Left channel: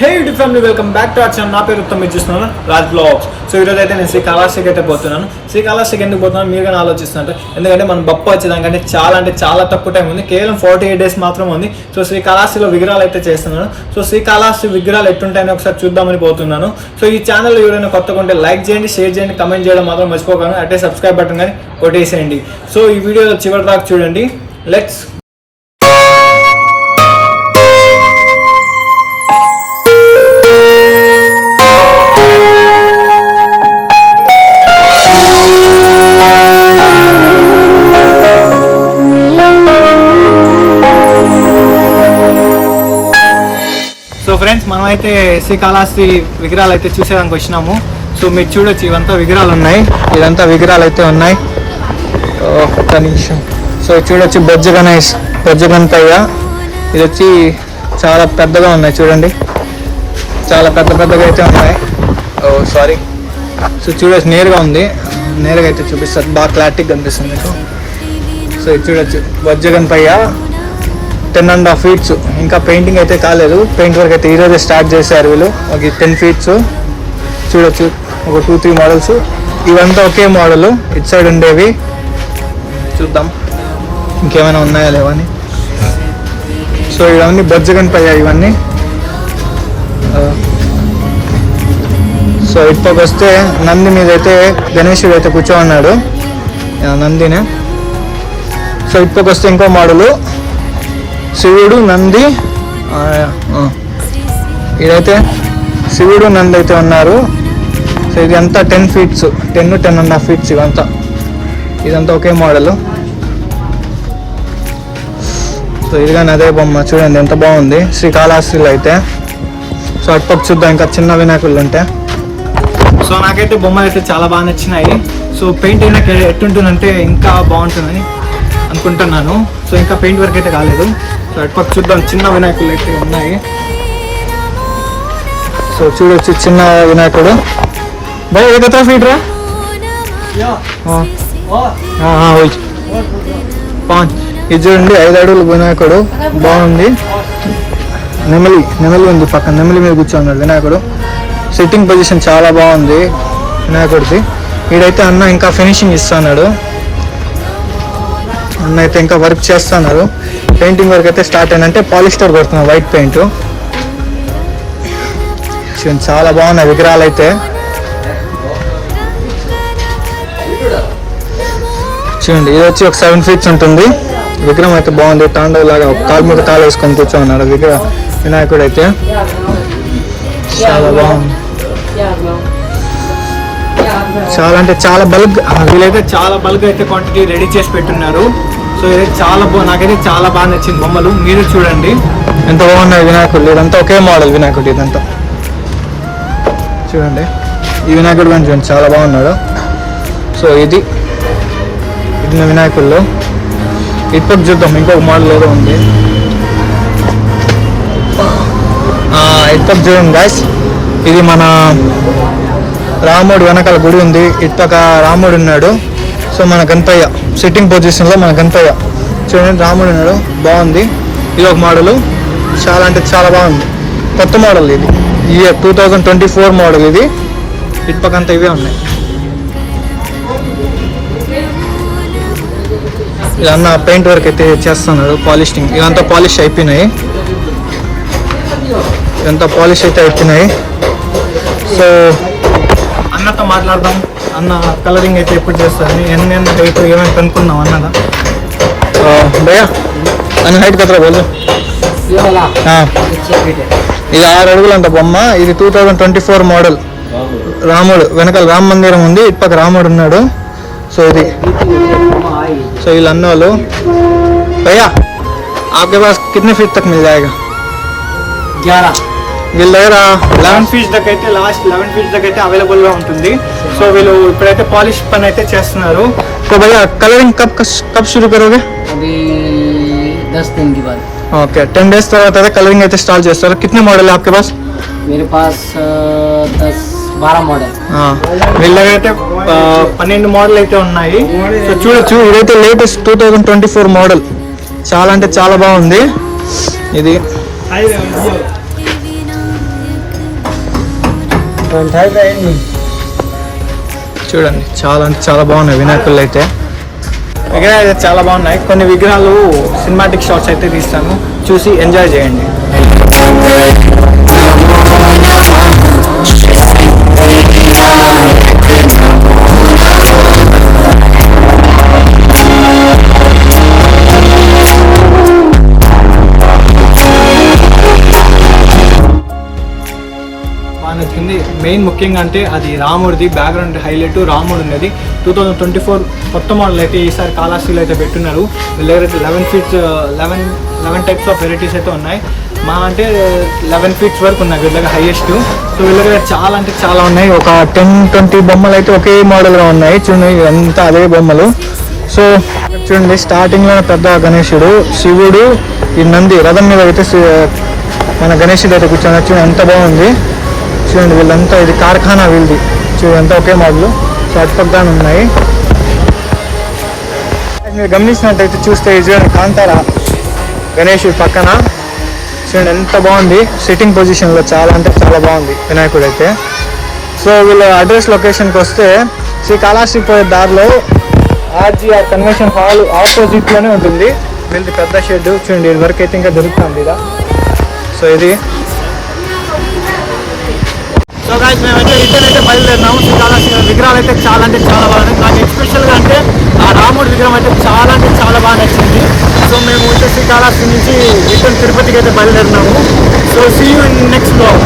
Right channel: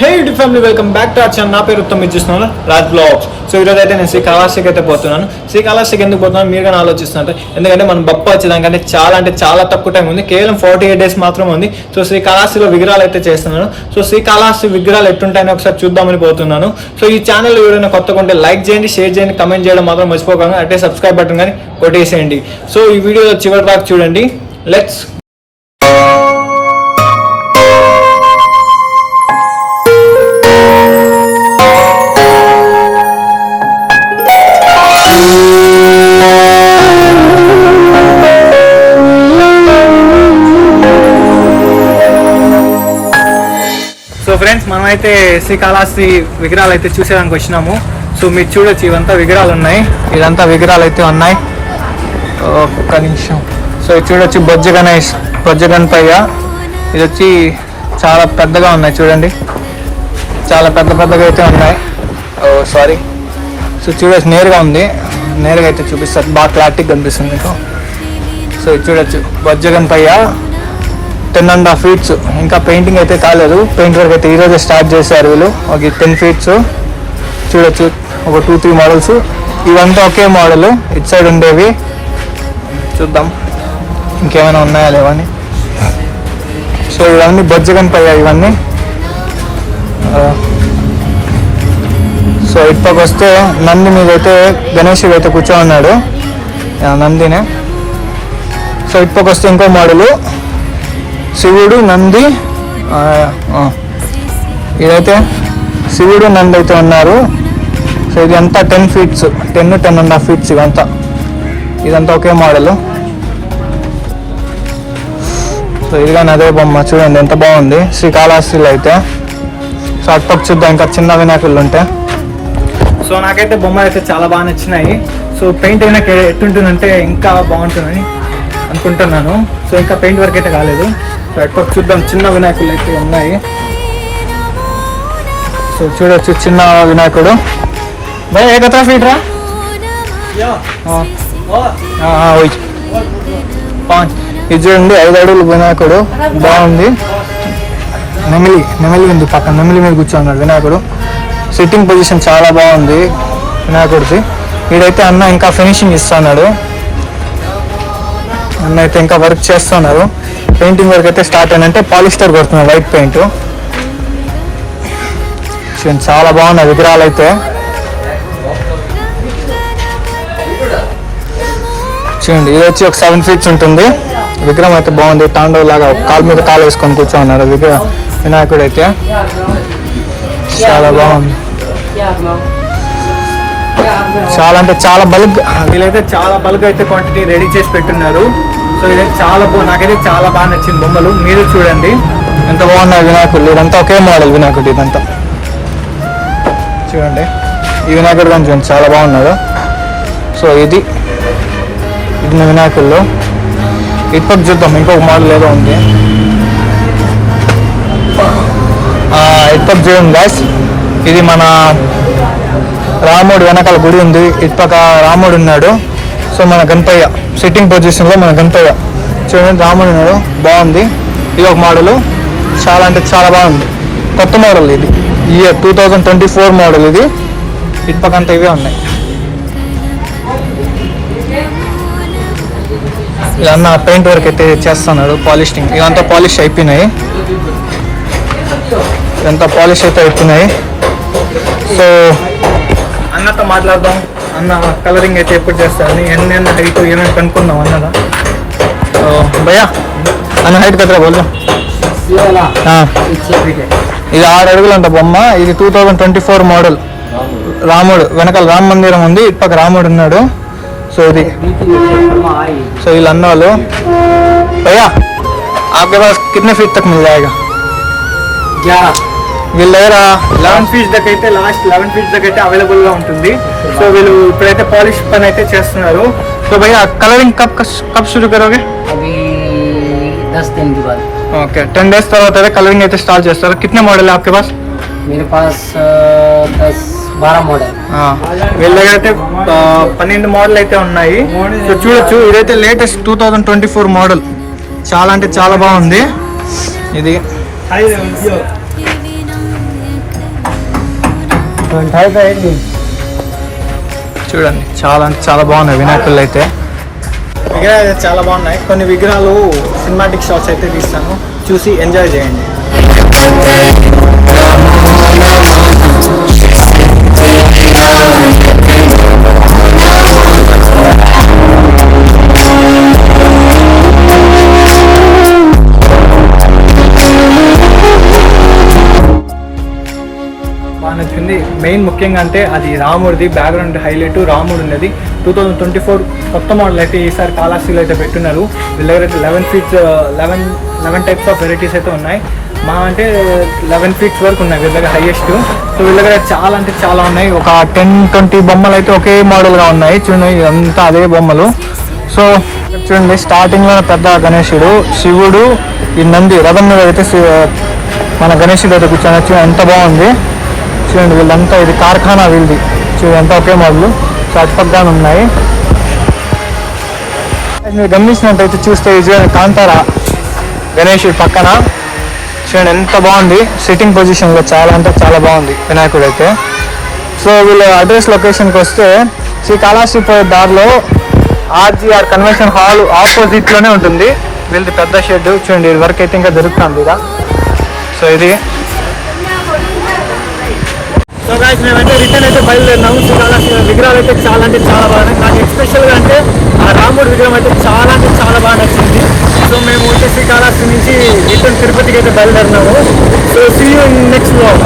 Hey YouTube family, welcome back to our channel. నా పేరు Uttam, ఇచ్చిస్తున్నాను Raj blogs. So ఈరోజు అయితే నేను శ్రీకాళహస్తికి అయితే పోతున్నాను. శ్రీకాళహస్తికి ఎందుకు పోతున్నాను మీరు కానీ ఆలోచిస్తున్నారు. ఎందుకంటే మనం బొప్ప వచ్చేదానికంటే చాలా తక్కువ టైం ఉంది. కేవలం 48 days మాత్రమే ఉంది. సో శ్రీకాళహస్తిలో విగ్రహాలు అయితే చేస్తున్నాను. సో శ్రీకాళహస్తి విగ్రహాలు ఎట్టుంటాయని ఒకసారి చూద్దామని పోతున్నాను. సో ఈ ఛానల్ ఎవరైనా కొత్తగా ఉంటే లైక్ చేయండి, షేర్ చేయండి, కమెంట్ చేయడం మాత్రం మర్చిపోకండి. అంటే సబ్స్క్రైబ్ బటన్ కానీ కొట్టేసేయండి. సో ఈ వీడియో చివరి దాకా చూడండి. లెట్స్ ఫ్రెండ్స్, మనమైతే శ్రీకాళహస్తి విగ్రహాలు అయితే చూసేదానికి వచ్చినాము. సో మీరు చూడొచ్చు, ఇవంతా విగ్రహాలు ఉన్నాయి. ఇదంతా విగ్రహాలు అయితే ఉన్నాయి. ఒక్క నిమిషం. సో ఇది చూడొచ్చు, బొజ్జ గణపయ్య. ఇది వచ్చి చాలా పెద్దగా ఉన్నాయి చూడండి, చాలా పెద్దగా అయితే ఉన్నాయి. సారీ. సో చూడొచ్చు, నేరుగా ఉంది. నేరుగా అయితే చూపిస్తారు, బాగా క్లారిటీగా కనిపిస్తుంది మీకు. సో ఇది చూడొచ్చు, బొజ్జ గణపయ్య 10.5 feet. ఇంకా పెయింటింగ్ అయితే కాలేదు. పెయింట్ వర్క్ అయితే ఈరోజే స్టార్ట్ చేశారు వీళ్ళు. ఒక 10 feet చూడొచ్చు, ఒక 2-3 మోడల్స్. ఇవంతా ఒకే మోడల్. ఇటు సైడ్ ఉండేవి చూద్దాం ఇంకేమైనా ఉన్నాయా లేవని. సో ఇవన్నీ బొజ్జ గణపయ్య ఇవన్నీ. సో ఇటుపక్క వస్తే నంది మీద అయితే గణేశుడు అయితే కూర్చోన్నాడు, నందినే. సో ఇటుపక్క వస్తే ఇంకో మోడలు, శివుడు నంది. ఇదైతే శివుడు నంది అయితే ఉన్నారు. సో ఇది అంతా 10 feet, 10.5 feet ఇదంతా ఒకే మోడల్. సో ఇది కానీ అదే బొమ్మ చూడండి, ఎంత బాగుంది శ్రీకాళహస్తిలో అయితే. సో అటుపక్క చూద్దాం, ఇంకా చిన్న వినాయకులు ఉంటాయి. సో నాకైతే బొమ్మలు అయితే చాలా బాగా నచ్చినాయి. సో పెయింట్ అయినా ఎట్టుంటుందంటే ఇంకా బాగుంటుందని అనుకుంటున్నాను. సో ఇంకా పెయింట్ వర్క్ అయితే కాలేదు. సో ఎటుపక్క చూద్దాం, చిన్న వినాయకులు అయితే ఉన్నాయి. సో చూడొచ్చు, చిన్న వినాయకుడు. బాయ్ ఏ కథ ఫీట్ రా ఇది చూడండి, 5 అడుగులు వినాయకుడు, బాగుంది. నెమలి ఉంది పక్కన, నెమలి మీద కూర్చోన్నాడు వినాయకుడు. సిట్టింగ్ పొజిషన్ చాలా బాగుంది వినాయకుడిది. వీడైతే అన్న ఇంకా ఫినిషింగ్ ఇస్తున్నాడు. అన్న అయితే ఇంకా వర్క్ చేస్తున్నారు. పెయింటింగ్ వర్క్ అయితే స్టార్ట్ అయిందంటే పాలిస్టర్ కొడుతున్నారు, వైట్ పెయింట్. చాలా బాగున్నాయి విగ్రహాలు అయితే. చూడండి, ఇది వచ్చి ఒక 7 feet ఉంటుంది. విగ్రహం అయితే బాగుంది, తాండవ్ లాగా కాలు మీద కాలు వేసుకొని కూర్చోన్నారు వినాయకుడు అయితే. చాలా బాగుంది, చాలా అంటే చాలా బల్క్. వీళ్ళైతే చాలా బల్క్ అయితే క్వాంటిటీ రెడీ చేసి పెట్టున్నారు. సో ఇదైతే నాకైతే చాలా బాగా నచ్చింది బొమ్మలు. మీరు చూడండి ఎంత బాగున్నాయి వినాయకుడు. ఇదంతా ఒకే మోడల్ వినాయకుడు ఇదంతా. చూడండి ఈ వినాయకుడు కానీ చూడండి, చాలా బాగున్నాడు. సో ఇది వినాయకుల్లో. ఇటుపక్క చూద్దాం, ఇంకొక మోడల్ ఏదో ఉంది. ఇటుపక్క చూడండి గాయ్స్, ఇది మన రాముడు వెనకాల గుడి ఉంది. ఇటుపక్క రాముడు ఉన్నాడు. సో మన గణపయ్య సిట్టింగ్ పొజిషన్లో మన గణపయ్య చూడండి, రాముడు ఉన్నాడు, బాగుంది. ఇది ఒక మోడలు, చాలా అంటే చాలా బాగుంది. కొత్త మోడల్ ఇది, 2024 మోడల్ ఇది. ఇటుపక్క అంతా ఇవే ఉన్నాయి. ఇదన్నా పెయింట్ వర్క్ అయితే చేస్తున్నాడు, పాలిషింగ్. ఇదంతా పాలిష్ అయిపోయినాయి, ఇదంతా పాలిష్ అయితే అయిపోయినాయి. సో అన్నతో మాట్లాడదాం. అన్న కలరింగ్ అయితే ఎప్పుడు చేస్తాను, ఎన్ని హైట్ ఏమైనా కనుక్కుందాం అన్నదా. భయ్యా అన్న హైట్ కదరా బోల్దు. ఇది 6 అడుగులు అంట బొమ్మ. ఇది 2024 మోడల్. రాముడు వెనకాల రామ మందిరం ఉంది, ఇటుపక్క రాముడు ఉన్నాడు. సో ఇది సో వీళ్ళు అన్నవాళ్ళు. భయ్యా आपके पास कितने फीट तक मिल जाएगा? 11. వీళ్ళ దగ్గర 11 feet దాకా అయితే, లాస్ట్ 11 feet దాకా అయితే అవైలబుల్గా ఉంటుంది. సో వీళ్ళు ఇప్పుడైతే పాలిష్ పని అయితే చేస్తున్నారు. సో భయ్యా కలరింగ్ కब शुरू करोगे? अभी 10 दिन के बाद. ఓకే, 10 days తర్వాత అయితే కలరింగ్ అయితే స్టార్ట్ చేస్తారు. कितने मॉडल है आपके पास? मेरे पास 10-12 मॉडल. వీళ్ళ దగ్గర అయితే 12 మోడల్ అయితే ఉన్నాయి. సో చూడొచ్చు, ఇదైతే లేటెస్ట్ 2024 మోడల్. చాలా అంటే చాలా బాగుంది ఇది. చూడండి చాలా అంటే చాలా బాగున్నాయి వినాయకులు అయితే. విగ్రహాలు అయితే చాలా బాగున్నాయి. కొన్ని విగ్రహాలు సినిమాటిక్ షాట్స్ అయితే తీస్తాను, చూసి ఎంజాయ్ చేయండి. నచ్చింది మెయిన్ ముఖ్యంగా అంటే అది రాముడిది బ్యాక్గ్రౌండ్ హైలైట్. రాముడు ఉన్నది 2024 కొత్త మోడల్ అయితే ఈసారి కాళహస్తిలో అయితే పెట్టున్నారు. వీళ్ళ దగ్గర 11 టైప్స్ ఆఫ్ వెరైటీస్ అయితే ఉన్నాయి. మా అంటే 11 ఫీట్స్ వరకు ఉన్నాయి వీళ్ళ దగ్గర హైయెస్ట్. సో వీళ్ళ దగ్గర చాలా అంటే చాలా ఉన్నాయి. ఒక 10-20 బొమ్మలు అయితే ఒకే మోడల్గా ఉన్నాయి. చూడండి అంతా అదే బొమ్మలు. సో చూడండి స్టార్టింగ్లో పెద్ద గణేశుడు, శివుడు, ఈ నంది రథం మీద అయితే మన గణేశుడు అయితే కూర్చొని వచ్చి ఎంత బాగుంది. చూడండి వీళ్ళంతా ఇది కార్ఖానా వీళ్ళది. చూడండి ఎంత ఒకే మోడల్. సో అటుపక్కన ఉన్నాయి. మీరు గమనించినట్టయితే చూస్తే చూడండి కాంతార గణేశుడి పక్కన చూడండి ఎంత బాగుంది. సిట్టింగ్ పొజిషన్లో చాలా అంటే చాలా బాగుంది వినాయకుడు అయితే. సో వీళ్ళ అడ్రస్ లొకేషన్కి వస్తే శ్రీకాళహస్తి పోయే దారిలో ఆర్జీఆర్ కన్వెన్షన్ హాల్ ఆపోజిట్లోనే ఉంటుంది వీళ్ళది పెద్ద షెడ్. చూడండి ఇది వరకు అయితే ఇంకా దొరుకుతుంది ఇక. సో ఇది సో గాయ్స్ మేమైతే రిటర్న్ అయితే బయలుదేరినాము. శ్రీకాళహస్తి విగ్రహాలు అయితే చాలా అంటే చాలా బాగున్నాయి. నాకు ఎస్పెషల్గా అంటే ఆ రాముడి విగ్రహం అయితే చాలా అంటే చాలా బాగా నచ్చింది. సో మేము వచ్చే శ్రీకాళహస్తి నుంచి రిటర్న్ తిరుపతికి అయితే బయలుదేరినాము. So see you in next vlog.